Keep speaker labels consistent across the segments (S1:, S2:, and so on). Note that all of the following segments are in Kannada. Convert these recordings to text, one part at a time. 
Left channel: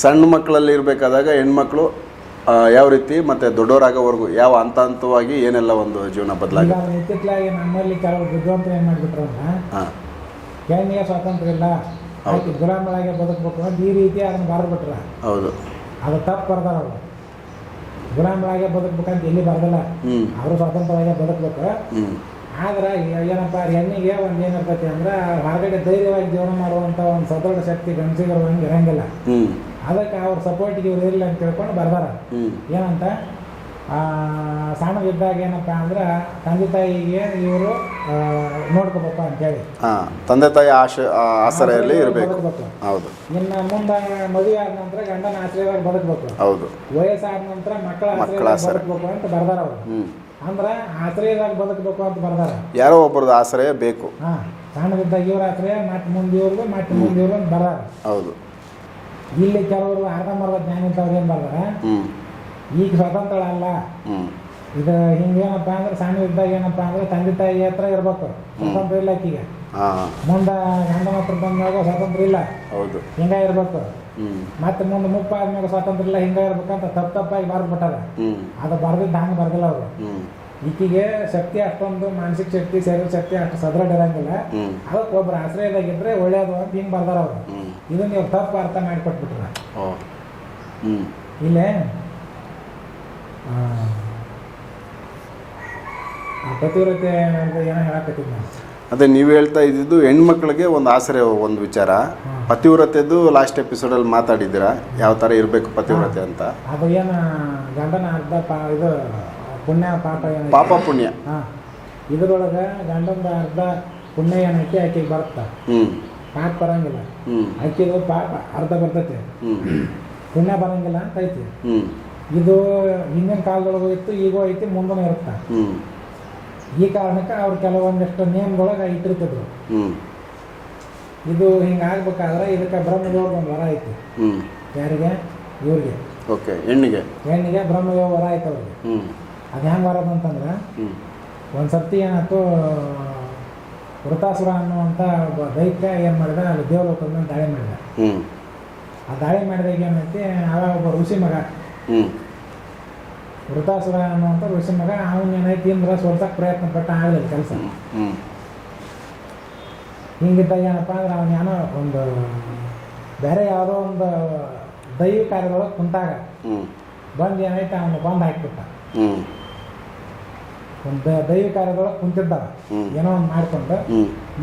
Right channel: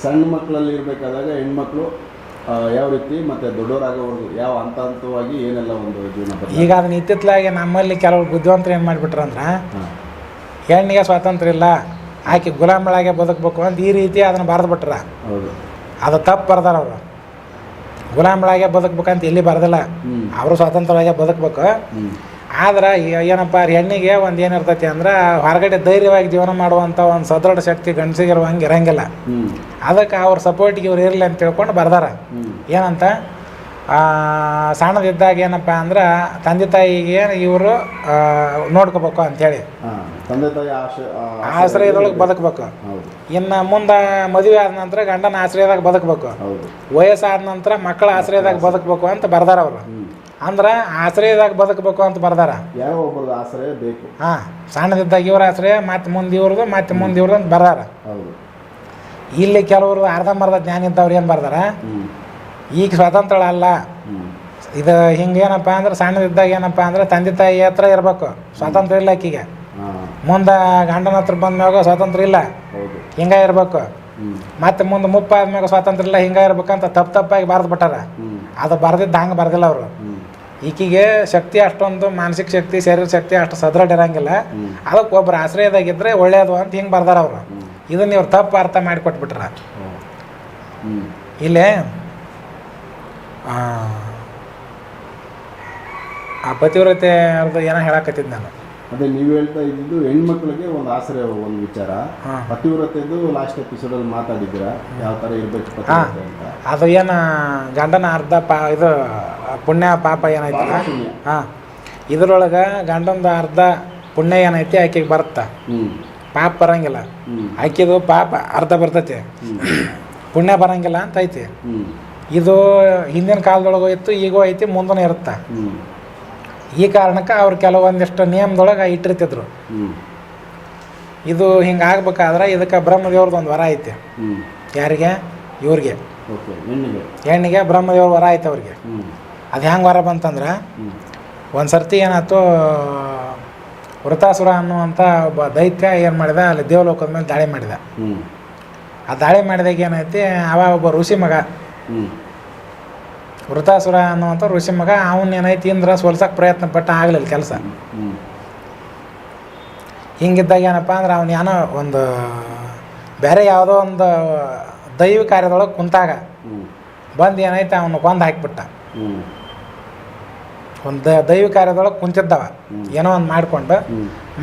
S1: ಸಣ್ಣ ಮಕ್ಕಳಲ್ಲಿ ಇರಬೇಕಾದಾಗ ಹೆಣ್ಮಕ್ಳು ಯಾವ ರೀತಿ ಮತ್ತು ದೊಡ್ಡವರಾಗೋವರೆಗೂ ಯಾವ ಹಂತ ಹಂತವಾಗಿ ಏನೆಲ್ಲ ಒಂದು ಜೀವನ
S2: ಈಗ
S1: ಬದಲಾಗಿ
S2: ಅದನ್ನ ಇತ್ತಿತ್ತಲಾಗಿ ನಮ್ಮಲ್ಲಿ ಕೆಲವರು ಬುದ್ಧಿವಂತರು ಏನು ಮಾಡಿಬಿಟ್ರಂದ್ರೆ
S1: ಅಂದ್ರೆ
S2: ಹೆಣ್ಣಿಗೆ ಸ್ವಾತಂತ್ರ್ಯ ಇಲ್ಲ ಆಕೆ ಗುಲಾಮಳಾಗೆ ಬದುಕಬೇಕು ಅಂತ ಈ ರೀತಿ ಅದನ್ನು ಬರೆದು ಬಿಟ್ರ
S1: ಹೌದು.
S2: ಅದು ತಪ್ಪು ಬರ್ದಾರ ಅವರು. ಗುಲಾಮಳಾಗೆ ಬದುಕ್ಬೇಕಂತ ಎಲ್ಲಿ ಬರ್ದಿಲ್ಲ. ಅವರು ಸ್ವಾತಂತ್ರ್ಯವಾಗಿ ಬದುಕಬೇಕು. ಆದ್ರೆ ಏನಪ್ಪ ಹೆಣ್ಣಿಗೆ ಒಂದು ಏನಿರ್ತೈತಿ ಅಂದ್ರೆ ಹೊರಗಡೆ ಧೈರ್ಯವಾಗಿ ಜೀವನ ಮಾಡುವಂಥ ಒಂದು ಸದೃಢ ಶಕ್ತಿ ಗಂಡಸಿಗಿರುವಂಗೆ ಇರಂಗಿಲ್ಲ. ಅದಕ್ಕೆ ಅವ್ರ ಸಪೋರ್ಟಿಗೆ ಇವ್ರು ಇರಲಿ ಅಂತ ತಿಳ್ಕೊಂಡು ಬರ್ದಾರ. ಏನಂತ? ಸಣ್ಣದಿದ್ದಾಗ ಏನಪ್ಪ ಅಂದ್ರೆ ತಂದೆ ತಾಯಿಗೆ ಇವರು ನೋಡ್ಕೋಬೇಕು ಅಂತೇಳಿ
S1: ಹಾಂ ತಂದೆ ತಾಯಿ ಆಶ್ರಯದಾಗ ಆ, ಆಸರೆಯಲ್ಲಿ
S2: ಆಶ್ರಯದೊಳಗೆ ಬದುಕಬೇಕು.
S1: ಹೌದು.
S2: ಇನ್ನು ಮುಂದೆ ಮದುವೆ ಆದ ನಂತರ ಗಂಡನ ಆಶ್ರಯದಾಗ ಬದುಕಬೇಕು.
S1: ಹೌದು.
S2: ವಯಸ್ಸಾದ ನಂತರ ಮಕ್ಕಳ ಆಶ್ರಯದಾಗ ಬದುಕಬೇಕು ಅಂತ ಬರ್ದಾರ ಅವರು. ಅಂದ್ರೆ ಆಶ್ರಯದಾಗ ಬದುಕಬೇಕು ಅಂತ ಬರ್ದಾರ.
S1: ಯಾರೋ ಒಬ್ಬರದ್ದು ಆಶ್ರಯ ಬೇಕು.
S2: ಹಾಂ ಸಣ್ಣದಿದ್ದಾಗ ಇವ್ರ ಆಶ್ರಯ ಮತ್ತೆ ಮುಂದೆ ಇವ್ರದ್ದು ಮತ್ತೆ ಮುಂದೆ ಇವ್ರದ್ದು ಅಂತ ಬರ್ದಾರ.
S1: ಹೌದು.
S2: ಇಲ್ಲಿ ಕೆಲವರು ಅರ್ಧಂಬರ್ಧ ಜ್ಞಾನ ಇದ್ದವ್ರು ಏನು ಬರ್ದಾರ? ಈಗ ಸ್ವತಂತ್ರ ಅಲ್ಲ. ಇದು ಹಿಂಗೇನಪ್ಪ ಅಂದ್ರೆ ಸಣ್ಣದಿದ್ದಾಗ ಏನಪ್ಪ ಅಂದ್ರೆ ತಂದೆ ತಾಯಿ ಹತ್ರ ಇರಬೇಕು. ಸ್ವಾತಂತ್ರ್ಯ ಇಲ್ಲ ಆಕಿಗೆ. ಮುಂದೆ ಗಂಡನ ಹತ್ರ ಬಂದ್ಮ್ಯಾಗ ಸ್ವಾತಂತ್ರ್ಯ ಇಲ್ಲ. ಹಿಂಗ ಇರ್ಬೇಕು. ಮತ್ತೆ ಮುಂದೆ ಮುಪ್ಪ ಆದ್ಮ್ಯಾಗ ಸ್ವಾತಂತ್ರ್ಯ ಇಲ್ಲ ಹಿಂಗ ಇರ್ಬೇಕಂತ ತಪ್ಪು ತಪ್ಪಾಗಿ ಬರೆದು ಬಿಟ್ಟಾರ. ಅದು ಬರ್ದಿದ್ದ ಹಂಗೆ ಬರ್ದಿಲ್ಲ ಅವರು. ಈಕಿಗೆ ಶಕ್ತಿ ಅಷ್ಟೊಂದು ಮಾನಸಿಕ ಶಕ್ತಿ ಶರೀರ ಶಕ್ತಿ ಅಷ್ಟು ಸದೃಢ ಇರಂಗಿಲ್ಲ. ಅದಕ್ಕೆ ಒಬ್ರು ಆಶ್ರಯದಾಗಿದ್ರೆ ಒಳ್ಳೇದು ಅಂತ ಹಿಂಗೆ ಬರ್ದಾರ ಅವರು. ಇದನ್ನ ಇವ್ರು ತಪ್ಪು ಅರ್ಥ ಮಾಡಿಕೊಟ್ಬಿಟ್ರ. ಇಲ್ಲೇ ಆ, ಪತಿವ್ರತೆ ಅಂತ ಏನೋ ಹೇಳಕತ್ತಿದ್ ನಾನು.
S1: ಅದೇ ನೀವು ಹೇಳ್ತಾ ಇದ್ದಿದ್ದು ಹೆಣ್ಮಕ್ಳಿಗೆ ಒಂದು ಆಸರೆ ಒಂದು ವಿಚಾರ. ಪತಿವ್ರತೆದು ಲಾಸ್ಟ್ ಎಪಿಸೋಡಲ್ಲಿ ಮಾತಾಡಿದ್ರ ಯಾವ ಥರ ಇರಬೇಕು ಪತಿವ್ರತೆ ಅಂತ?
S2: ಅದು ಏನು ಗಂಡನ ಅರ್ಧ ಪಾ ಇದು ಪುಣ್ಯ ಪಾಪ ಏನೈತಿ?
S1: ಪಾಪ ಪುಣ್ಯ.
S2: ಹಾಂ. ಇದ್ರೊಳಗೆ ಗಂಡಂದ ಅರ್ಧ ಪುಣ್ಯ ಏನೈತಿ ಆಕೆಗೆ ಬರುತ್ತಾ.
S1: ಹ್ಞೂ
S2: ಪಾಪ ಬರಂಗಿಲ್ಲ. ಆಕಿದು ಪಾಪ ಅರ್ಧ ಬರ್ತೈತಿ. ಪುಣ್ಯ ಬರಂಗಿಲ್ಲ ಅಂತ ಐತಿ.
S1: ಹ್ಞೂ
S2: ಇದು ಹಿಂದಿನ ಕಾಲದೊಳಗೂ ಇತ್ತು ಈಗೂ ಐತಿ ಮುಂದೂ ಇರುತ್ತೆ. ಈ ಕಾರಣಕ್ಕೆ ಅವ್ರು ಕೆಲವೊಂದಿಷ್ಟು ನಿಯಮದೊಳಗೆ ಇಟ್ಟಿರ್ತಿದ್ರು. ಇದು ಹಿಂಗೆ ಆಗ್ಬೇಕಾದ್ರೆ ಇದಕ್ಕೆ ಬ್ರಹ್ಮದೇವ್ರದ್ದು ಒಂದು ವರ ಐತಿ. ಯಾರಿಗೆ? ಇವ್ರಿಗೆ.
S1: ಓಕೆ ಹೆಣ್ಣಿಗೆ.
S2: ಹೆಣ್ಣಿಗೆ ಬ್ರಹ್ಮದೇವ್ರ ವರ ಐತೆ ಅವ್ರಿಗೆ. ಅದು ಹೆಂಗೆ ವರ ಬಂತಂದ್ರೆ
S1: ಒಂದ್ಸರ್ತಿ
S2: ಒಂದು ಸರ್ತಿ ಏನಾಯ್ತು ವೃತಾಸುರ ಅನ್ನುವಂಥ ಒಬ್ಬ ದೈತ್ಯ ಏನು ಮಾಡಿದ ಅಲ್ಲಿ ದೇವಲೋಕದ ಮೇಲೆ ದಾಳಿ ಮಾಡಿದ. ಆ ದಾಳಿ ಮಾಡಿದಾಗ ಏನೈತಿ ಅವ ಒಬ್ಬ ಋಷಿ ಮಗ
S1: ಹ್ಞೂ
S2: ವೃತಾಸುರ ಅನ್ನುವಂಥ ಋಷಿ ಮಗ ಅವನ್ ಏನೈತಿ ಇಂದ್ರ ಸೋಲ್ಸಕ್ಕೆ ಪ್ರಯತ್ನ ಪಟ್ಟ ಆಗಲಿಲ್ಲ ಕೆಲಸ. ಹಿಂಗಿದ್ದಾಗ ಏನಪ್ಪ ಅಂದ್ರೆ ಅವ್ನು ಏನೋ ಒಂದು ಬೇರೆ ಯಾವುದೋ ಒಂದು ದೈವ ಕಾರ್ಯದೊಳಗೆ ಕುಂತಾಗ ಬಂದು ಏನೈತೆ ಅವನು ಬಂದು ಹಾಕಿಬಿಟ್ಟ. ಒಂದು ದೈವ ಕಾರ್ಯದೊಳಗೆ ಕುಂತಿದ್ದವ. ಏನೋ ಒಂದು ಮಾಡ್ಕೊಂಡು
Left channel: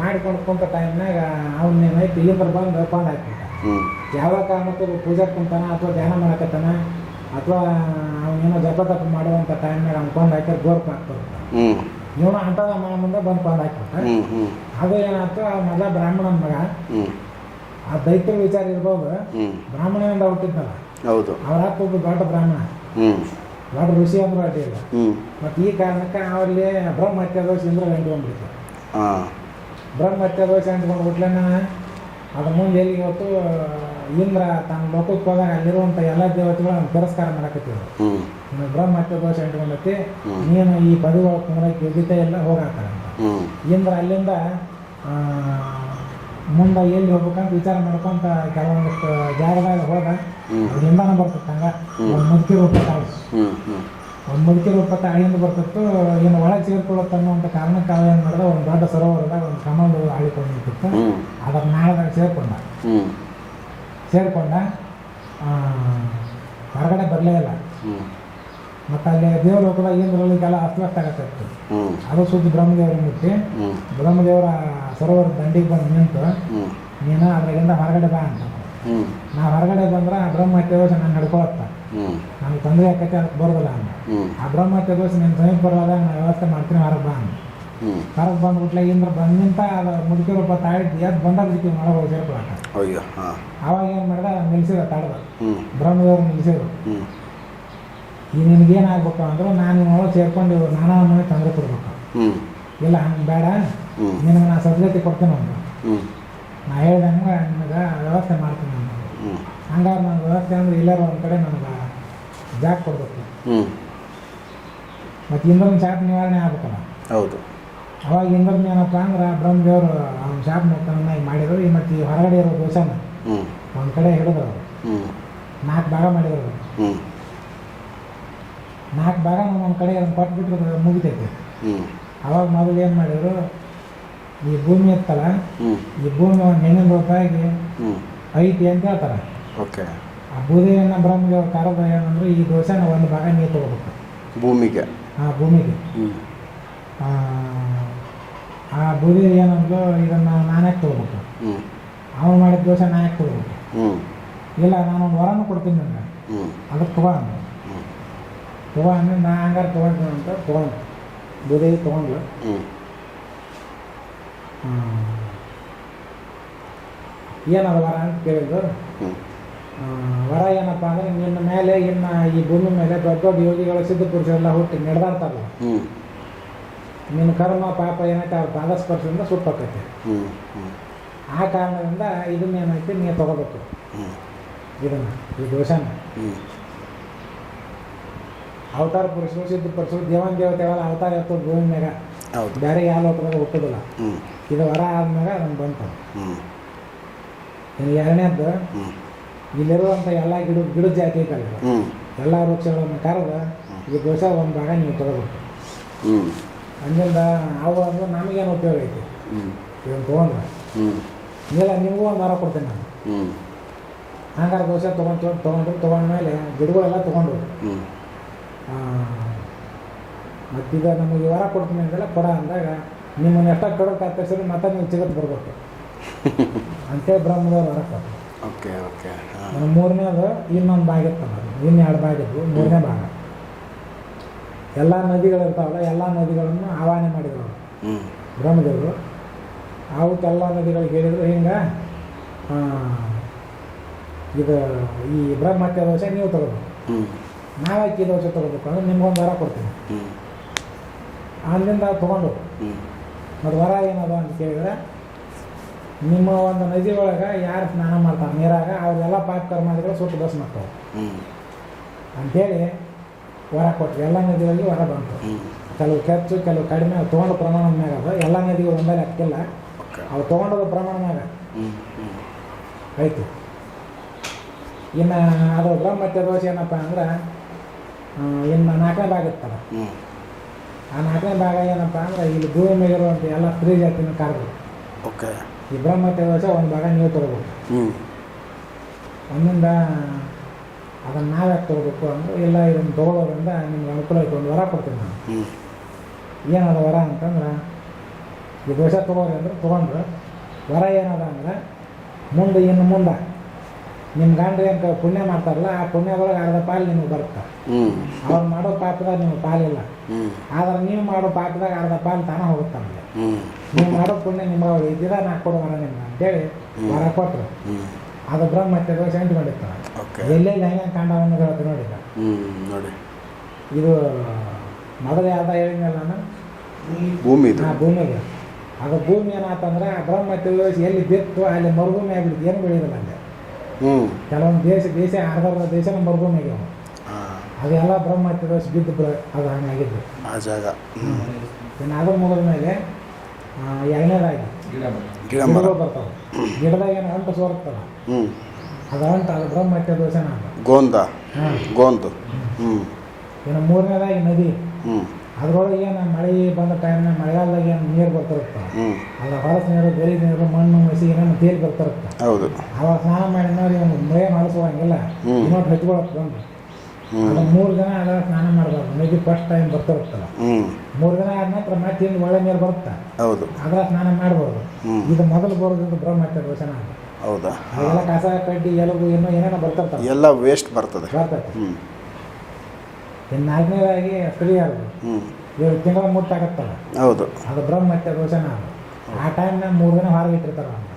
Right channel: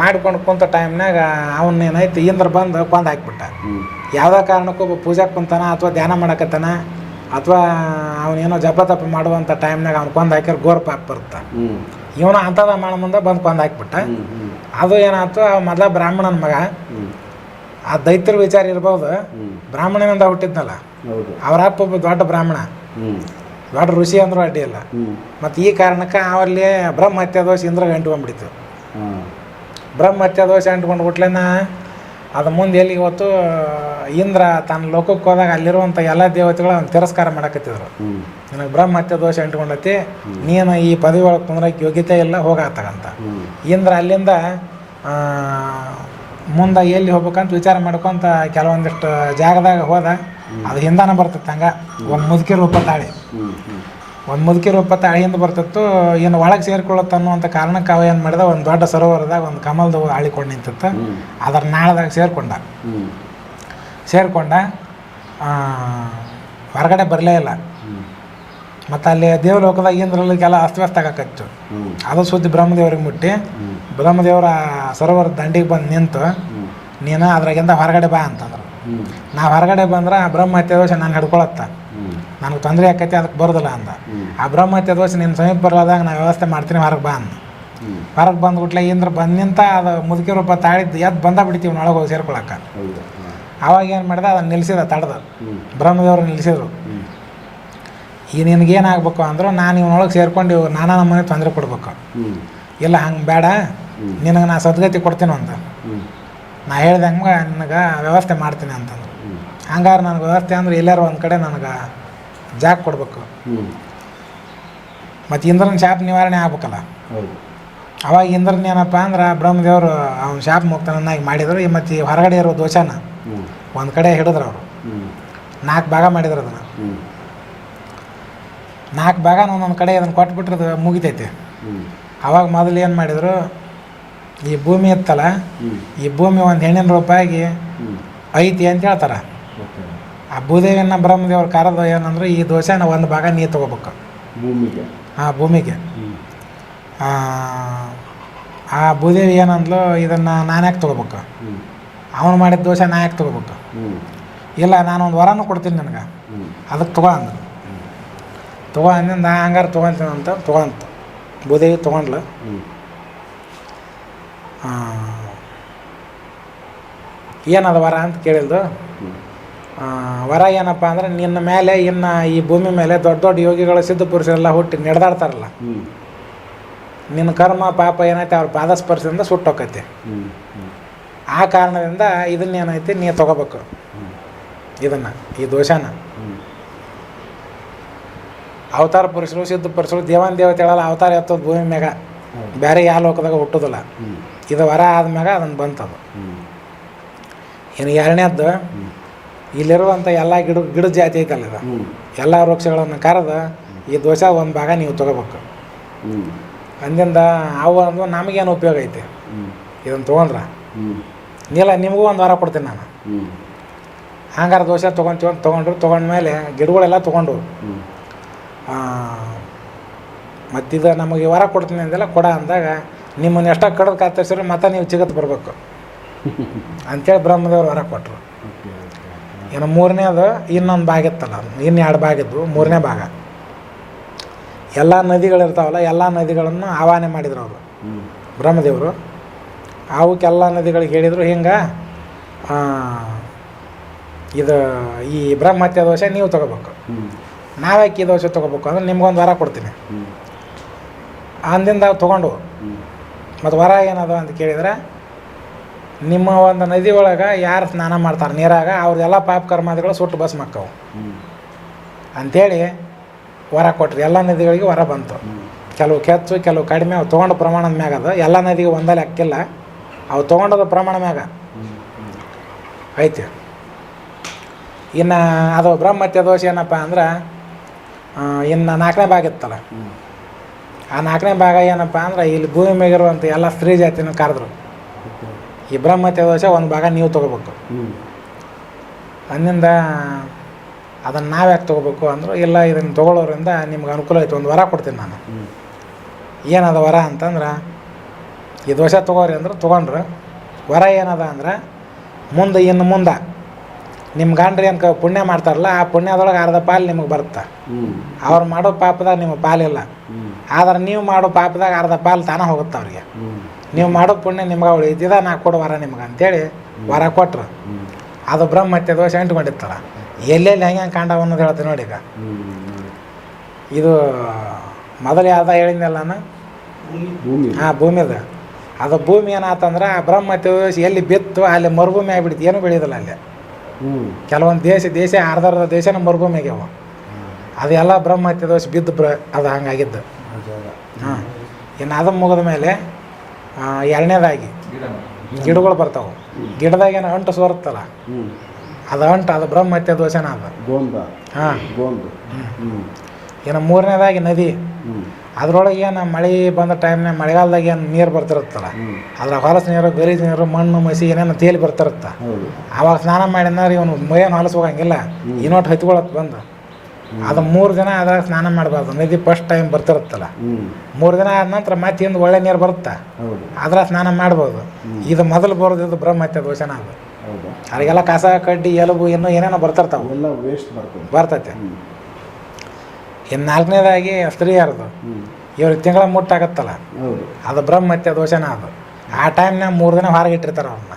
S2: ಮಾಡಿಕೊಂಡು ಕುಂತ ಟೈಮ್ನಾಗ ಅವನ್ನ ಏನೈತಿ ಇಂದ್ರ ಬಂದು ಬಂದು ಹಾಕಿಬಿಟ್ಟ. ಯಾವುದೇ ಕಾರಣಕ್ಕೂ ಪೂಜೆ ಕುಂತಾನ ಅಥವಾ ಧ್ಯಾನ ಮಾಡಕತ್ತಾನ? ಅಥವಾ ಅವನೇನೋ ಜಪ ತಪ ಮಾಡುವಂಥ ಟೈಮ್ನಾಗ ಅವ್ನು ಕೊಂದು ಹಾಕಿದ್ರೆ ಗೋರ್ ಪಾಕ್ ಬರುತ್ತೆ. ಇವನು ಅಂಥದ ಮಾಡ ಮುಂದೆ ಬಂದು ಕೊಂದು ಹಾಕ್ಬಿಟ್ಟ. ಅದು ಏನಾಯ್ತು ಆ ಮೊದಲ ಬ್ರಾಹ್ಮಣನ ಮಗ ಆ ದೈತ್ಯರ ವಿಚಾರ ಇರ್ಬೋದು. ಬ್ರಾಹ್ಮಣನಿಂದ ಹುಟ್ಟಿದ್ನಲ್ಲ.
S1: ಹೌದು.
S2: ಅವರ ಅಪ್ಪ ಒಬ್ಬ ದೊಡ್ಡ ಬ್ರಾಹ್ಮಣ. ದೊಡ್ಡ ಋಷಿ ಅಂದ್ರೂ ಅಡ್ಡಿ ಇಲ್ಲ. ಮತ್ತು ಈ ಕಾರಣಕ್ಕೆ ಅವಲ್ಲಿ ಬ್ರಹ್ಮ ಹತ್ಯೆ ದೋಷ ಇಂದ್ರ ಅಂಟ್ಕೊಂಡ್ಬಿಡ್ತು ಬ್ರಹ್ಮ ಹತ್ಯೆ ದೋಷ ಅಂಟ್ಕೊಂಡು ಬಿಟ್ಲೇನ ಅದು ಮುಂದೆ ಎಲ್ಲಿ ಇವತ್ತು ಇಂದ್ರ ತನ್ನ ಲೋಕಕ್ಕೆ ಹೋದಾಗ ಅಲ್ಲಿರುವಂಥ ಎಲ್ಲ ದೇವತೆಗಳು ಅವ್ನು ತಿರಸ್ಕಾರ ಮಾಡಕತ್ತಿದ್ರು. ನನಗೆ ಬ್ರಹ್ಮ ಹತ್ಯೆ ದೋಷ ಅಂಟ್ಕೊಂಡೈತಿ ನೀನು ಈ ಪದವಿ ಒಳಗೆ ಕುಂದ್ರಕ್ಕೆ ಯೋಗ್ಯತೆ ಇಲ್ಲ
S1: ಹೋಗತ್ತಗಂತ
S2: ಇಂದ್ರ ಅಲ್ಲಿಂದ ಮುಂದೆ ಎಲ್ಲಿ ಹೋಗ್ಬೇಕಂತ ವಿಚಾರ ಮಾಡ್ಕೊಂತ ಕೆಲವೊಂದಿಷ್ಟು ಜಾಗದಾಗ ಹೋದ ಅದು ಹಿಂದಾನ ಬರ್ತಿತ್ತು ಹಂಗ ಒಂದು ಮುದುಕಿ ರೂಪ ತಾಳಿ. ಒಂದು ಮುದುಕಿ ರೂಪ ತಾಳಿಯಿಂದ ಬರ್ತಿತ್ತು ಇನ್ನು ಒಳಗೆ ಸೇರ್ಕೊಳ್ಳುತ್ತೆ ಅನ್ನುವಂಥ ಕಾರಣಕ್ಕೆ ಅವ ಏನು ಮಾಡಿದ ಒಂದು ದೊಡ್ಡ ಸರೋವರದಾಗ ಒಂದು ಕಮಲದ ಆಳಿಕೊಂಡು ನಿಂತಿತ್ತು. ಅದರ ನಾಳದಾಗ ಸೇರ್ಕೊಂಡ. ಸೇರಿಕೊಂಡ ಹೊರಗಡೆ ಬರಲೇ ಇಲ್ಲ. ಮತ್ತು ಅಲ್ಲಿ ದೇವಲೋಕದಾಗ ಇಂದ್ರಲಿಗೆಲ್ಲ ಅಸ್ತವ್ಯಸ್ತ ಆಗಕತ್ತು. ಅದು ಸುದ್ದಿ ಬ್ರಹ್ಮದೇವ್ರಿಗೆ ಮುಟ್ಟಿ. ಬ್ರಹ್ಮದೇವರ ಸರೋವರ ದಂಡಿಗೆ ಬಂದು ನಿಂತು ನೀನು ಅದ್ರಾಗಿಂದ ಹೊರಗಡೆ ಬಾ ಅಂತಂದ್ರು. ನಾ ಹೊರಗಡೆ ಬಂದ್ರೆ ಆ ಬ್ರಹ್ಮಹತ್ಯೆ ದೋಷ ನಾನು ಹಿಡ್ಕೊಳತ್ತ. ನನಗೆ ತೊಂದರೆ ಆಕೈತಿ ಅದಕ್ಕೆ ಬರೋದಿಲ್ಲ ಅಂದ. ಆ ಬ್ರಹ್ಮಹತ್ಯ ದೋಷ ನಿನ್ನ ಸಮೀಪ ಬರಲಾದಾಗ ನಾ ವ್ಯವಸ್ಥೆ ಮಾಡ್ತೀನಿ ಹೊರಗೆ ಬಾ ಅಂದ. ಹೊರಗೆ ಬಂದ್ಬಿಟ್ಲೆ ಇಂದ್ರ ಬಂದಿಂತ ನಿಂತ ಅದು ಮುದುಕಿ ರೂಪ ತಾಳಿದ್ದು ಎದ್ದು ಬಂದ ಬಿಡ್ತೀವಿ ಒಳಗೆ ಹೋಗಿ ಸೇರ್ಕೊಳಕ್ಕೆ ಅವಾಗ ಏನು ಮಾಡಿದ ಅದನ್ನು ನಿಲ್ಲಿಸಿದ ತಡ್ದ. ಬ್ರಹ್ಮದೇವರು ನಿಲ್ಲಿಸಿದ್ರು ಈ ನಿನಗೇನಾಗಬೇಕು ಅಂದ್ರೆ ನಾನು ಇವನೊಳಗೆ ಸೇರ್ಕೊಂಡು ಇವ್ರು ನಾನಾ ನಮ್ಮನೆ ತೊಂದರೆ ಕೊಡ್ಬೇಕು. ಇಲ್ಲ ಹಂಗೆ ಬೇಡ. ನಿನಗೆ ನಾ ಸದ್ಗತಿ ಕೊಡ್ತೀನಿ ಅಂತ ನಾ ಹೇಳ್ದಂಗೆ ನಿನಗೆ ವ್ಯವಸ್ಥೆ ಮಾಡ್ತೀನಿ
S1: ಅಂತಂದು
S2: ಹಂಗಾರೆ ನನಗೆ ವ್ಯವಸ್ಥೆ ಅಂದ್ರೆ ಎಲ್ಲಾರು ಒಂದು ಕಡೆ ನನಗೆ ಜಾಗ ಕೊಡಬೇಕು. ಮತ್ತು ಇಂದ್ರನ ಶಾಪ ನಿವಾರಣೆ ಆಗ್ಬೇಕಲ್ಲ.
S1: ಹೌದು.
S2: ಅವಾಗ ಇಂದ್ರನ ಏನಪ್ಪ ಅಂದ್ರೆ ಬ್ರಹ್ಮದೇವರು ಅವ್ನ ಶಾಪ ಮುಕ್ತನನ್ನಾಗಿ ಮಾಡಿದ್ರು ಮತ್ತು ಹೊರಗಡೆ ಇರೋ ದೋಷನ ಒಂದು ಕಡೆ ಹಿಡಿದ್ರು ಅವರು. ನಾಲ್ಕು ಭಾಗ ಮಾಡಿದ್ರು ಅದನ್ನು. ನಾಲ್ಕು ಭಾಗ ಒಂದೊಂದು ಕಡೆ ಅದನ್ನು ಕೊಟ್ಬಿಟ್ರೆ ಮುಗಿತೈತೆ. ಅವಾಗ ಮೊದಲು ಏನು ಮಾಡಿದರು ಈ ಭೂಮಿ ಇತ್ತಲ್ಲ ಈ ಭೂಮಿ ಒಂದು ಹೆಣ್ಣಿನ ರೂಪಾಯಿಗೆ ಐತಿ ಅಂತ ಹೇಳ್ತಾರೆ.
S1: ಓಕೆ.
S2: ಆ ಭೂದೇವಿಯನ್ನ ಬ್ರಹ್ಮದೇವ್ರ ಕಾರದ ಏನಂದ್ರೆ ಈ ದೋಸೆನ ಒಂದು ಭಾಗ ನೀರು ತಗೋಬೇಕು.
S1: ಭೂಮಿಗೆ.
S2: ಆ ಭೂಮಿಗೆ. ಆ, ಆ ಭೂದೇವಿ ಏನಂದ್ಲು ಇದನ್ನು ನಾನು ಯಾಕೆ ತೊಗೋಬೇಕು? ಅವನು ಮಾಡಿದ ದೋಸೆ ನಾ ಯಾಕೆ ತಗೋಬೇಕು? ಇಲ್ಲ ನಾನು ಒಂದು ವರನೂ ಕೊಡ್ತೀನಿ ನನಗೆ. ಅದಕ್ಕೆ ತಗೋ ಅಂದ್ರು ತಗೋ ಅಂದಿಂದ ನಾ ಹಂಗಾರೆ ತೊಗೊತೀನಿ ಅಂತ ತೊಗೊಂತ. ಭೂದೇವಿ ತೊಗೊಂಡ್ಲು. ಏನದ ವರ ಅಂತ ಕೇಳಿದ್ದು ವರ ಏನಪ್ಪ ಅಂದ್ರೆ ನಿನ್ನ ಮೇಲೆ ಇನ್ನು ಈ ಭೂಮಿ ಮೇಲೆ ದೊಡ್ಡ ದೊಡ್ಡ ಯೋಗಿಗಳು ಸಿದ್ಧ ಪುರುಷರೆಲ್ಲ ಹುಟ್ಟಿ ನಡೆದಾಡ್ತಾರಲ್ಲ. ನಿನ್ನ ಕರ್ಮ ಪಾಪ ಏನೈತೆ ಅವ್ರ ಪಾದಸ್ಪರ್ಶದಿಂದ ಸುಟ್ಟೋಕೈತಿ. ಆ ಕಾರಣದಿಂದ ಇದನ್ನೇನೈತಿ ನೀ ತಗೋಬೇಕು. ಇದನ್ನ ಈ ದೋಷನ. ಅವತಾರ ಪುರುಷರು ಸಿದ್ಧ ಪುರುಷರು ದೇವತೆ ಹೇಳಲ್ಲ ಅವತಾರ ಎತ್ತೋದು ಭೂಮಿ ಮ್ಯಾಗ. ಬೇರೆ ಯಾವ ಲೋಕದಾಗ ಹುಟ್ಟೋದಿಲ್ಲ. ಇದು ವರ ಆದ್ಮ್ಯಾಗ ಅದನ್ನು ಬಂತದು. ಇನ್ನು ಎರಡನೇದ್ದು ಇಲ್ಲಿರುವಂಥ ಎಲ್ಲ ಗಿಡ ಗಿಡ ಜಾತಿ ಐತಲ್ಲ ಇದು? ಎಲ್ಲ ವೃಕ್ಷಗಳನ್ನು ಕರೆದು ಈ ದೋಷ ಒಂದು ಭಾಗ ನೀವು ತಗೋಬೇಕು. ಅಂದಿಂದ ಅವು ಅಂದು ನಮಗೇನು ಉಪಯೋಗ ಐತೆ? ಇದನ್ನು ತೊಗೊಂಡ್ರೆ? ಇಲ್ಲ ನಿಮಗೂ ಒಂದು ವಾರ ಕೊಡ್ತೀನಿ ನಾನು. ಹಂಗಾರ ದೋಷ ತೊಗೊಂತೀವಿ ಅಂತ ತೊಗೊಂಡ್ರು ತೊಗೊಂಡ್ಮೇಲೆ ಗಿಡಗಳೆಲ್ಲ ತೊಗೊಂಡು. ಮತ್ತಿದ ನಮಗೆ ವಾರ ಕೊಡ್ತೀನಿ ಅಂದೆಲ್ಲ ಕೊಡ ಅಂದಾಗ ನಿಮ್ಮನ್ನು ಎಷ್ಟೋ ಕಡದು ಕಾತರಿಸಿದ್ರೆ ಮತ್ತೆ ನೀವು ಚಿಗತ್ ಬರಬೇಕು. ಅಂತೇಳಿ ಬ್ರಹ್ಮದೇವ್ರು ವರ ಕೊಟ್ಟರು
S1: ಓಕೆ ಓಕೆ
S2: ಇನ್ನು ಮೂರನೇದು ಇನ್ನೊಂದು ಭಾಗ ಇತ್ತಲ್ಲ ಇನ್ನು ಎರಡು ಭಾಗ ಇದ್ವು ಮೂರನೇ ಭಾಗ. ಎಲ್ಲ ನದಿಗಳಿರ್ತಾವಲ್ಲ ಎಲ್ಲ ನದಿಗಳನ್ನು ಆಹ್ವಾನೆ ಮಾಡಿದ್ರು ಅವರು. ಬ್ರಹ್ಮದೇವರು. ಅವಕ್ಕೆಲ್ಲ ನದಿಗಳಿಗೆ ಹೇಳಿದರು ಹಿಂಗೆ ಇದು ಈ ಬ್ರಹ್ಮಹತ್ಯೆ ದೋಷ ನೀವು ತೊಗೋಬೇಕು. ನಾವ್ಯಾಕೆ ಈ ದೋಷ ತೊಗೋಬೇಕು ಅಂದ್ರೆ ನಿಮ್ಗೊಂದು ವರ ಕೊಡ್ತೀನಿ. ಅಂದಿಂದ ತೊಗೊಂಡು ಮತ್ತು ವರ ಏನದು ಅಂತ ಕೇಳಿದ್ರೆ ನಿಮ್ಮ ಒಂದು ನದಿ ಒಳಗೆ ಯಾರು ಸ್ನಾನ ಮಾಡ್ತಾರೆ? ನೀರಾಗ ಅವ್ರದ್ದೆಲ್ಲ ಪಾಪ ಕರ್ಮಾದಿಗಳು ಸುಟ್ಟು ಬಸ್ ಮಕ್ಕವು. ಅಂಥೇಳಿ ವರ ಕೊಟ್ರಿ. ಎಲ್ಲ ನದಿಗಳಿಗೆ ವರ ಬಂತು. ಕೆಲವು ಕೆಚ್ಚು ಕೆಲವು ಕಡಿಮೆ ಅವು ತೊಗೊಂಡು ಪ್ರಮಾಣದ ಮ್ಯಾಗ ಅದು. ಎಲ್ಲ ನದಿಗೆ ಒಂದಲ್ಲಿ ಹಾಕಿಲ್ಲ ಅವು ತೊಗೊಂಡದ ಪ್ರಮಾಣ ಮ್ಯಾಗ. ಐತೆ ಇನ್ನು ಅದು ಬ್ರಹ್ಮತ್ಯ ದೋಷ ಏನಪ್ಪ ಅಂದ್ರೆ ಇನ್ನು ನಾಲ್ಕನೇ ಭಾಗ ಇತ್ತಲ್ಲ? ಆ ನಾಲ್ಕನೇ ಭಾಗ ಏನಪ್ಪ ಅಂದ್ರೆ ಇಲ್ಲಿ ಭೂಮಿ ಮೇಗಿರುವಂಥ ಎಲ್ಲ ಸ್ತ್ರೀ ಜಾತಿನೂ ಕರೆದ್ರು.
S1: ಓಕೆ.
S2: ಈ ಬ್ರಹ್ಮ ದೋಷ ಒಂದು ಭಾಗ ನೀವು ತೊಗೋಬೇಕು. ಅಂದಿಂದ ಅದನ್ನು ನಾವು ಯಾಕೆ ತೊಗೋಬೇಕು ಅಂದರು ಇಲ್ಲ ಇದನ್ನು ತೊಗೊಳ್ಳೋರಿಂದ ನಿಮ್ಗೆ ಅನುಕೂಲ ಆಯಿತು ಒಂದು ವರ ಕೊಡ್ತೀನಿ ನಾನು. ಏನದ ವರ ಅಂತಂದ್ರೆ ಈ ದೋಷ ತೊಗೋರಿ ಅಂದ್ರೆ ತೊಗೊಂಡ್ರು. ವರ ಏನದ ಅಂದ್ರೆ ಮುಂದೆ ಇನ್ನು ಮುಂದೆ. ನಿಮ್ಮ ಗಂಡ್ರಿ ಅಂತ ಪುಣ್ಯ ಮಾಡ್ತಾರಲ್ಲ ಆ ಪುಣ್ಯದೊಳಗೆ ಅರ್ಧ ಪಾಲು ನಿಮಗೆ ಬರುತ್ತೆ. ಅವ್ರು ಮಾಡೋ ಪಾಪದಾಗ ನಿಮಗೆ ಪಾಲಿಲ್ಲ ಆದ್ರೆ ನೀವು ಮಾಡೋ ಪಾಪದಾಗ ಅರ್ಧ ಪಾಲು ತಾನೇ ಹೋಗುತ್ತೆ ಅವ್ರಿಗೆ. ನೀವು ಮಾಡೋ ಪುಣ್ಯ ನಿಮ್ಗೆ ಇದ್ದಿದಾ ನಾ ಕೊಡು ವರ ನಿಮ್ಗೆ ಅಂತೇಳಿ ವರ ಕೊಟ್ರು. ಅದು ಬ್ರಹ್ಮತ್ಯ ದೋಷ ಅಂಟ್ಕೊಂಡಿತ್ತಲ್ಲ
S1: ಓಕೆ.
S2: ಎಲ್ಲೆಲ್ಲಿ ಹೆಂಗೆ ಹೆಂಗೆ ಕಾಂಡವ ಅನ್ನೋದು ಹೇಳ್ತೀನಿ ನೋಡಿ ಈಗ.
S1: ನೋಡಿ.
S2: ಇದು ಮೊದಲು ಯಾವ್ದು ಹೇಳಿದ್ನಲ್ಲ ನಾನು?
S1: ಭೂಮಿ.
S2: ಆ ಭೂಮಿದು. ಅದು ಭೂಮಿ ಏನಾತಂದ್ರೆ ಆ ಬ್ರಹ್ಮತ್ಯ ದೋಷ ಎಲ್ಲಿ ಬಿತ್ತು ಅಲ್ಲಿ ಮರುಭೂಮಿ ಆಗಿಬಿಡ್ತು ಏನು ಬೆಳೆಯೋದಿಲ್ಲ ಅಲ್ಲಿ. ಕೆಲವೊಂದು ದೇಶ ದೇಶ ಅರ್ಧ ದೇಶನ ಮರುಭೂಮಿ ಆಗ್ಯಾವ ಅದೆಲ್ಲ ಬ್ರಹ್ಮ ದೋಷ ಬಿದ್ದು ಬ್ರ ಅದು ಹಂಗಾಗಿದ್ದು. ಹಾಂ. ಇನ್ನು ಅದು ಮುಗಿದ ಮೇಲೆ ಎರಡನೇದಾಗಿ
S1: ಗಿಡ
S2: ಗಿಡಗಳು ಬರ್ತಾವೆ. ಗಿಡದಾಗ ಏನು ಅಂಟು ಸೋರುತ್ತಲ್ಲ? ಅದು ಅಂಟು ಅದು ಬ್ರಹ್ಮತ್ಯ ದೋಷನ ಅದು.
S1: ಗೋಂದ.
S2: ಹಾಂ.
S1: ಗೋಂದು. ಹ್ಞೂ
S2: ಇನ್ನು ಮೂರನೇದಾಗಿ ನದಿ. ಅದ್ರೊಳಗೆ ಏನು ಮಳೆ ಬಂದ ಟೈಮ್ನಾಗ ಮಳೆಗಾಲದಾಗ ಏನು ನೀರು ಬರ್ತಿರುತ್ತಲ್ಲ ಅದ್ರ ಹೊಲಸು ನೀರು ಗಲೀಜು ನೀರು ಮಣ್ಣು ಮಸಿ ಏನೇನು ತೇಲಿ ಬರ್ತಿರುತ್ತ?
S1: ಹೌದು.
S2: ಅವಾಗ ಸ್ನಾನ ಮಾಡಿದ್ರೆ ಇವನು ಮೈಯನ್ನು ಹೊಲಸು ಹೋಗಂಗಿಲ್ಲ. ಇನ್ನೊಟ್ಟು ಹತ್ಕೊಳಕ್ ಬಂದು. ಅದು ಮೂರು ದಿನ ಅದ್ರಾಗ ಸ್ನಾನ ಮಾಡಬಾರ್ದು ನದಿ ಫಸ್ಟ್ ಟೈಮ್ ಬರ್ತಿರುತ್ತಲ್ಲ. ಮೂರು ದಿನ ಆದ ನಂತರ ಮತ್ತೆ ಹಿಂದೆ ಒಳ್ಳೆ ನೀರು ಬರುತ್ತೆ?
S1: ಹೌದು.
S2: ಅದ್ರ ಸ್ನಾನ ಮಾಡ್ಬೋದು. ಇದು ಮೊದಲು ಬರೋದು ಇದು ಬ್ರಹ್ಮತ್ಯ ದೋಷನ ಅದು.
S1: ಹೌದಾ?
S2: ಅದಕ್ಕೆಲ್ಲ ಕಸ ಕಡ್ಡಿ ಎಲುಬು ಇನ್ನೂ ಏನೇನೋ ಬರ್ತಿರ್ತಾವೆ.
S1: ಎಲ್ಲ ವೇಸ್ಟ್ ಬರ್ತದೆ.
S2: ಬರ್ತೈತೆ. ಇನ್ನು ನಾಲ್ಕನೇದಾಗಿ ಸ್ತ್ರೀಯರದು ಇವ್ರಿಗೆ ತಿಂಗಳ ಮುಟ್ಟಾಗತ್ತಲ್ಲ?
S1: ಹೌದು.
S2: ಅದು ಬ್ರಹ್ಮತ್ಯ ದೋಷನ ಅದು. ಆ ಟೈಮ್ನಾಗ ಮೂರು ದಿನ ಹೊರಗೆ ಇಟ್ಟಿರ್ತಾರೆ
S1: ಅವ್ರನ್ನ.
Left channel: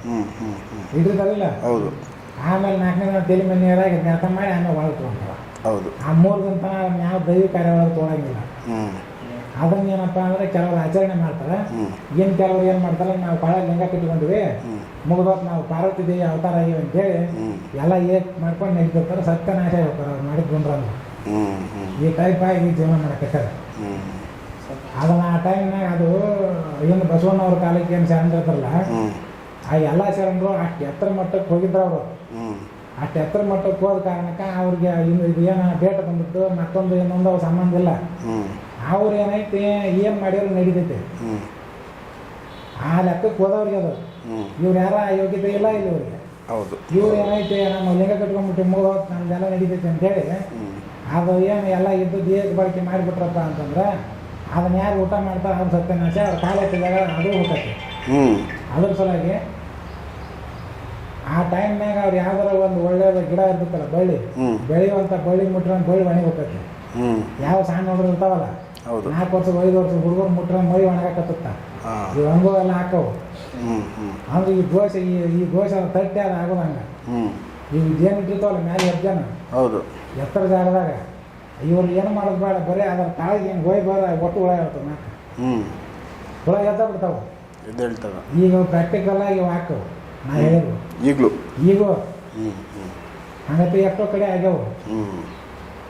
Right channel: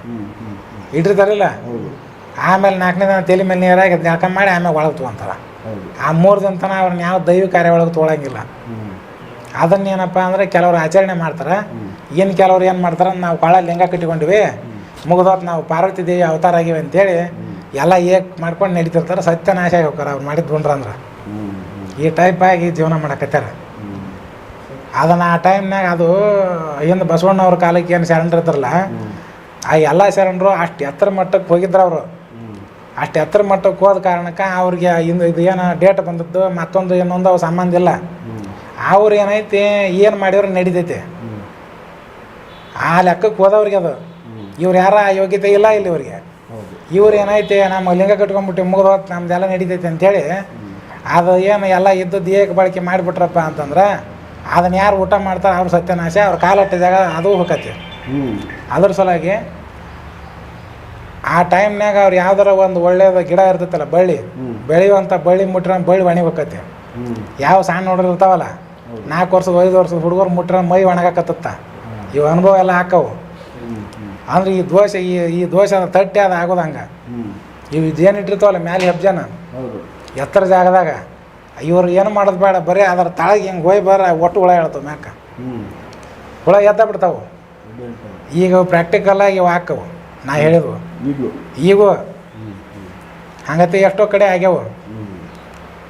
S2: ಇಟ್ಟಿರ್ತಾರಿಲ್ಲ?
S1: ಹೌದು.
S2: ಆಮೇಲೆ ನಾಲ್ಕನೇ ದಿನ ತಲೆ ಮೇಲೆ ನೀರಾಗಿ ಜಳಕ ಮಾಡಿ ಆಮೇಲೆ ಒಳಗೆ ತೊಗೊಂತಾರ.
S1: ಹೌದು.
S2: ಆ ಮೂರು ದಿನ ತನಕ ಅವ್ರನ್ನ ಯಾವ ದೈವ ಕಾರ್ಯ ಒಳಗೆ ತೊಗೊಳಂಗಿಲ್ಲ. ಅದನ್ನೇನಪ್ಪ ಅಂದರೆ ಕೆಲವರು ಆಚರಣೆ ಮಾಡ್ತಾರೆ. ಏನು ಕೆಲವ್ರು ಏನು ಮಾಡ್ತಾರೆ ನಾವು ಕೊಳ ಲಿಂಗ ಕಟ್ಟಿಕೊಂಡಿವಿ. ಮುಗಿದೋತ್ ನಾವು ಪಾರ್ವತಿ ದೇವಿ ಅವತಾರ ಆಗಿವೆ ಅಂತೇಳಿ ಎಲ್ಲ ಏಕ್ ಮಾಡ್ಕೊಂಡು ನಡೀತಿರ್ತಾರೆ ಸತ್ಯನಾಶ ಆಗಿ ಹೋಗ್ತಾರೆ ಅವ್ರು ಮಾಡಿದ್ದು ಅಂದ್ರೆ. ಈ ಟೈಪ್ ಆಗಿ ಜೀವನ ಮಾಡಕತ್ತಾರ ಅದನ್ನು ಆ ಟೈಮ್ನಾಗ ಅದು ಹಿಂದೆ ಬಸವಣ್ಣವ್ರ ಕಾಲಕ್ಕೆ ಏನು ಶರಣರು ಇರ್ತಾರಲ್ಲ ಆ ಎಲ್ಲ ಶರಣರು ಅಷ್ಟು ಎತ್ತರ ಮಟ್ಟಕ್ಕೆ ಹೋಗಿದ್ರು ಅವರು. ಅಷ್ಟು ಎತ್ತರ ಮಟ್ಟಕ್ಕೆ ಹೋದ ಕಾರಣಕ್ಕೆ ಅವ್ರಿಗೆ ಇನ್ನು ಇದು ಏನು ಡೇಟ್ ಬಂದದ್ದು ಮತ್ತೊಂದು ಇನ್ನೊಂದು ಅವು ಸಂಬಂಧ ಇಲ್ಲ. ಅವ್ರು ಏನೈತಿ ಏನು ಮಾಡಿದ್ರು ನಡೀತೈತಿ. ಆ ಲೆಕ್ಕಕ್ಕೆ ಹೋದವ್ರಿಗೆ ಅದು. ಇವ್ರು ಯಾರ ಯೋಗ್ಯತೆ ಇಲ್ಲ ಇಲ್ಲಿ ಇವ್ರಿಗೆ.
S1: ಹೌದು.
S2: ಇವ್ರು ಏನೈತೆ ನಮ್ಮ ಲಿಂಗ ಕಟ್ಕೊಂಡ್ಬಿಟ್ಟು ಮುಗಿದು ನಮ್ದೆಲ್ಲ ನಡೀತೈತೆ ಅಂತೇಳಿ
S1: ಹ್ಞೂ
S2: ಅದು ಏನು ಎಲ್ಲ ಇದ್ದದ್ದು ದೇಹಕ್ಕೆ ಬಳಕೆ ಮಾಡಿಬಿಟ್ರಪ್ಪ ಅಂತಂದ್ರೆ ಅದನ್ನ ಯಾರು ಊಟ ಮಾಡ್ತಾರೆ ಅವ್ರ ಸತ್ಯನಾಶ ಅವ್ರ ಕಾಲಟ್ಟಿದಾಗ ಅದು ಹೋಗತ್ತೆ ಅದ್ರ ಸಲುವಾಗಿ ಆ ಟೈಮ್ನಾಗ ಅವ್ರು ಯಾವ್ದಾರ ಒಂದು ಒಳ್ಳೆಯದ ಗಿಡ ಇರ್ತೈತಲ್ಲ ಬಳ್ಳಿ
S1: ಬೆಳೆಯುವಂತ
S2: ಬೆಳೆಯುವಂಥ ಬಳ್ಳಿ ಮುಟ್ರ ಬಳ್ಳಿ ಒಣಗಿ
S1: ಹೋಗತ್ತೆ
S2: ಯಾವ ಸಣ್ಣ ನೋಡ್ರಿ ಇರ್ತಾವಲ್ಲ ನಾಲ್ಕು ವರ್ಷದ ಐದು ವರ್ಷದ ಹುಡುಗರು ಮುಟ್ರ ಮೈ ಒಣಗಾಕತ್ತ ಇವು ಅನುಭವ ಎಲ್ಲ ಹಾಕವು. ಅಂದ್ರೆ ಈ ದೋಷ ಈ ಈ ಅಂದ್ರೆ ತಟ್ಟೆ ಅದು ಆಗೋದು ಹಂಗೆ. ಇವು ಇದೇನು ಇಟ್ಟಿರ್ತಾವಲ್ಲ ಮ್ಯಾಲೆ ಹೆಬ್ಜನ
S1: ಹೌದು.
S2: ಎತ್ತರ ಜಾಗದಾಗ. ಇವ್ರು ಏನು ಮಾಡೋದು ಬೇಡ ಬರೀ ಅದರ ತಳಗೆ ಹಿಂಗೆ ಹೋಯ್ ಬರ ಒಟ್ಟು ಹುಳ ಹೇಳ್ತಾವೆ ಮ್ಯಾಕ. ಹುಳ ಎದ್ದ ಬಿಡ್ತಾವೆ. ಈಗ ಪ್ರಾಕ್ಟಿಕಲ್ ಆಗಿ ಇವು ಹಾಕವು. ನಾ ಹೇಳಿದ್ವು.
S1: ಈಗಲೂ.
S2: ಈಗೂ. ಹಂಗತ್ತೆ ಎಷ್ಟೋ ಕಡೆ ಆಗ್ಯಾವ.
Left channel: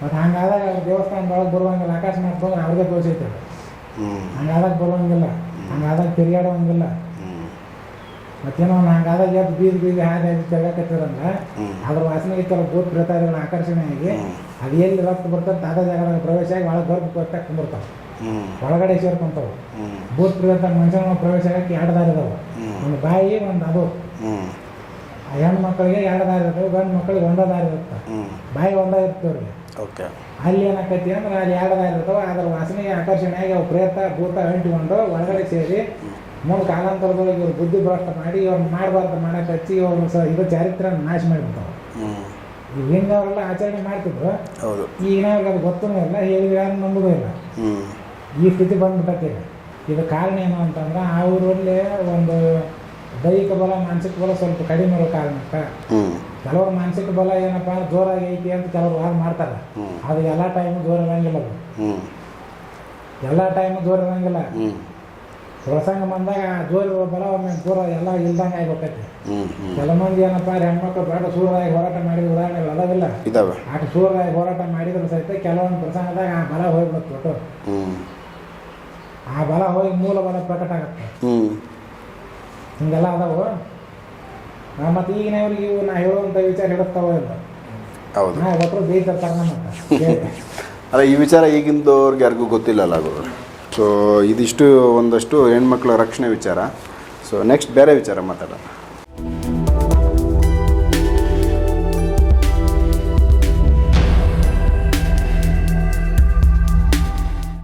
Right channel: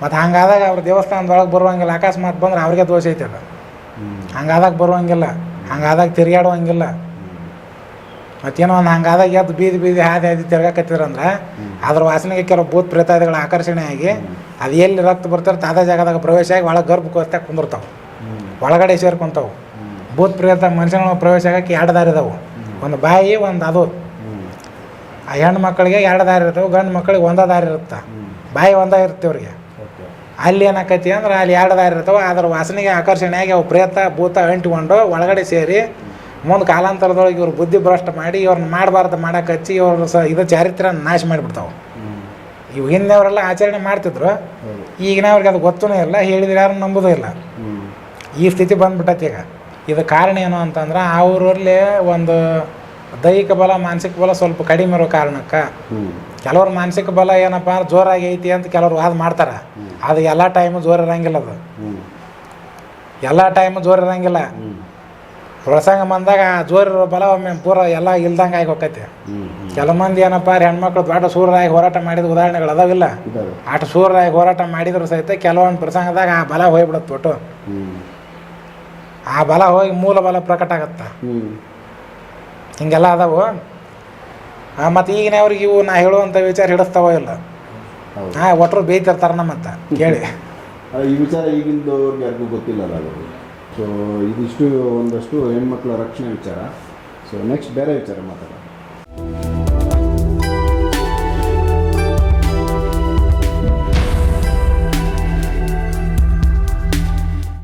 S2: ಮತ್ತು ಹಂಗಾದಾಗ ಅವ್ರ ದೇವಸ್ಥಾನದೊಳಗೆ ಬರುವಂಗಿಲ್ಲ ಅಕಸ್ಮಾತ್ ಬಂದ್ರೆ ಅವ್ರಿಗೆ ದೋಷ ಐತೆ ಅದು. ಹಂಗಾದಾಗ ಬರುವಂಗಿಲ್ಲ ಹಂಗಾದಾಗ ತಿರುಗಾಡುವಂಗಿಲ್ಲ ಮತ್ತೇನೋ ಒಂದು ಹಂಗಾದಾಗ ಎದ್ದು ಬೀದಿ ಬೀದಿ ಹಾದಿ ಹಾದಿ ತಿರ್ಗಾಕತ್ತಿರಂದ್ರೆ
S1: ಹ್ಮ್.
S2: ಅದ್ರ ವಾಸನೆಗೆ ಕೆಲವು ಭೂತ್ ಪ್ರೇತಾದಿಗಳ ಆಕರ್ಷಣೆ ಆಗಿ ಅದು ಎಲ್ಲಿ ರಕ್ತ ಬರ್ತಾರೆ ತಾದ ಜಾಗದಾಗ ಪ್ರವೇಶ ಆಗಿ ಒಳಗೆ ಗರ್ಭಕೋಸ್ತಾಗ ಕುಂದಿರ್ತಾವೆ ಒಳಗಡೆ ಸೇರ್ಕೊಂತಾವೆ. ಭೂತ್ ಪ್ರೇತ ಮನುಷ್ಯನ ಪ್ರವೇಶ ಆಗಕ್ಕೆ ಎರಡು ದಾರಿ ಇದಾವೆ. ಒಂದು ಬಾಯಿ ಒಂದು ಅದು. ಆ ಹೆಣ್ಣು ಮಕ್ಕಳಿಗೆ ಎರಡು ದಾರಿ ಇರ್ತವೆ ಗಂಡು ಮಕ್ಕಳಿಗೆ ಒಂದೇ ದಾರಿ ಇರುತ್ತೆ. ಬಾಯಿ ಒಂದೇ ಇರುತ್ತೆ ಅವ್ರಿಗೆ.
S1: ಓಕೆ.
S2: ಅಲ್ಲಿ ಏನಾಕೈತಿ ಅಂದ್ರೆ ಅಲ್ಲಿ ಎರಡು ದಾರಿ ಇರ್ತಾವೆ ಅದ್ರ ವಾಸನೆಗೆ ಆಕರ್ಷಣೆ ಆಗಿ ಅವು ಪ್ರೇತ ಭೂತ ಅಂಟಿಕೊಂಡು ಒಳಗಡೆ ಸೇರಿ ಮುಂದೆ ಕಾಲಾಂತರದೊಳಗೆ ಇವ್ರು ಬುದ್ಧಿ ಭ್ರಷ್ಟ ಮಾಡಿ ಇವ್ರನ್ನ ಮಾಡಬಾರ್ದು ಮಾಡಕ್ಕೆ ಹಚ್ಚಿ ಇವ್ರ ಸ ಇದು ಚಾರಿತ್ರ ನಾಶ ಮಾಡಿಬಿಡ್ತಾವೆ. ಇವು ಹಿಂದೆಯವರೆಲ್ಲ ಆಚರಣೆ ಮಾಡ್ತಿದ್ರು.
S1: ಹೌದು.
S2: ಈಗಿನವ್ರಿಗೆ ಅದು ಗೊತ್ತೂ ಇಲ್ಲ ಹೇಳಿದ್ರೆ ಯಾರು ನಂಬುದೂ ಇಲ್ಲ. ಈ ಸ್ಥಿತಿ ಬಂದ್ಬಿಟ್ಟೈತಿ ಈಗ. ಇದು ಕಾರಣ ಏನು ಅಂತಂದ್ರೆ ಅವರಲ್ಲಿ ಒಂದು ದೈಹಿಕ ಬಲ ಮಾನಸಿಕ ಬಲ ಸ್ವಲ್ಪ ಕಡಿಮೆ ಇರೋ ಕಾರಣಕ್ಕೆ ಕೆಲವ್ರ ಮಾನಸಿಕ ಬಲ ಏನಪ್ಪ ಅಂದ್ರೆ ಜೋರಾಗಿ ಐತಿ ಅಂತ ಕೆಲವ್ರು ವಾದ ಮಾಡ್ತಾರೆ. ಅದು ಎಲ್ಲ ಟೈಮು ಜೋರ ಇರಂಗಿಲ್ಲ ಅದು. ಎಲ್ಲ ಟೈಮು ಜೋರು ಇರಂಗಿಲ್ಲ. ಪ್ರಸಂಗ ಬಂದಾಗ ಆ ಜೋರಿರೋ ಬಲ ಒಮ್ಮೆ ಪೂರ ಎಲ್ಲ ಇಲ್ದಂಗೆ ಆಗಿ ಹೋಗೈತೆ
S1: ಹ್ಞೂ ಹ್ಞೂ
S2: ಕೆಲ ಮಂದಿ ಏನಪ್ಪ ಅಂದ್ರೆ ಹೆಣ್ಮಕ್ಳು ಆಟ ಸೂರ್ಯರಾಗಿ ಹೋರಾಟ ಮಾಡಿದ ಉದಾಹರಣೆಗಳು ಅದಾವಿಲ್ಲ
S1: ಇದಾವೆ.
S2: ಆಟ ಸೂರ್ಯರಾಗಿ ಹೋರಾಟ ಮಾಡಿದ್ರು ಸಹಿತ ಕೆಲವೊಂದು ಪ್ರಸಂಗದಾಗ ಆ ಬಲ ಹೋಗ್ಬಿಡುತ್ತೆ ಒಟ್ಟು. ಆ ಬಲ ಹೋಗಿ ಮೂಲ ಬಲ ಪ್ರಕಟ ಆಗತ್ತೆ. ಹಿಂಗೆಲ್ಲ ಅದಾವು. ಮತ್ತು ಈಗಿನವ್ರಿಗೆ ಇವು ನಾ ಹೇಳುವಂಥ ವಿಚಾರ ಹಿಡಿಸ್ತಾವೋ ಇಲ್ಲ? ಹಾಂ ಒಟ್ಟರು ಬೇಯ್ತಿರ್ತಾರೆ ನಮ್ಮಂತ ಹೇಳಿ
S1: ಅಲ್ಲ ಈ ವಿಚಾರ ಈಗಿಂದವ್ರಿಗೆ ಯಾರಿಗೂ ಗೊತ್ತಿಲ್ಲಲ್ಲ ಗುರು. ಸೊ ಇದಿಷ್ಟು ಒಂದಷ್ಟು ಹೆಣ್ಮಕ್ಳ ರಕ್ಷಣೆ ವಿಚಾರ. ಸೊ ನೆಕ್ಸ್ಟ್ ಬೇರೆ ವಿಚಾರ ಮಾತಾಡೋಣ.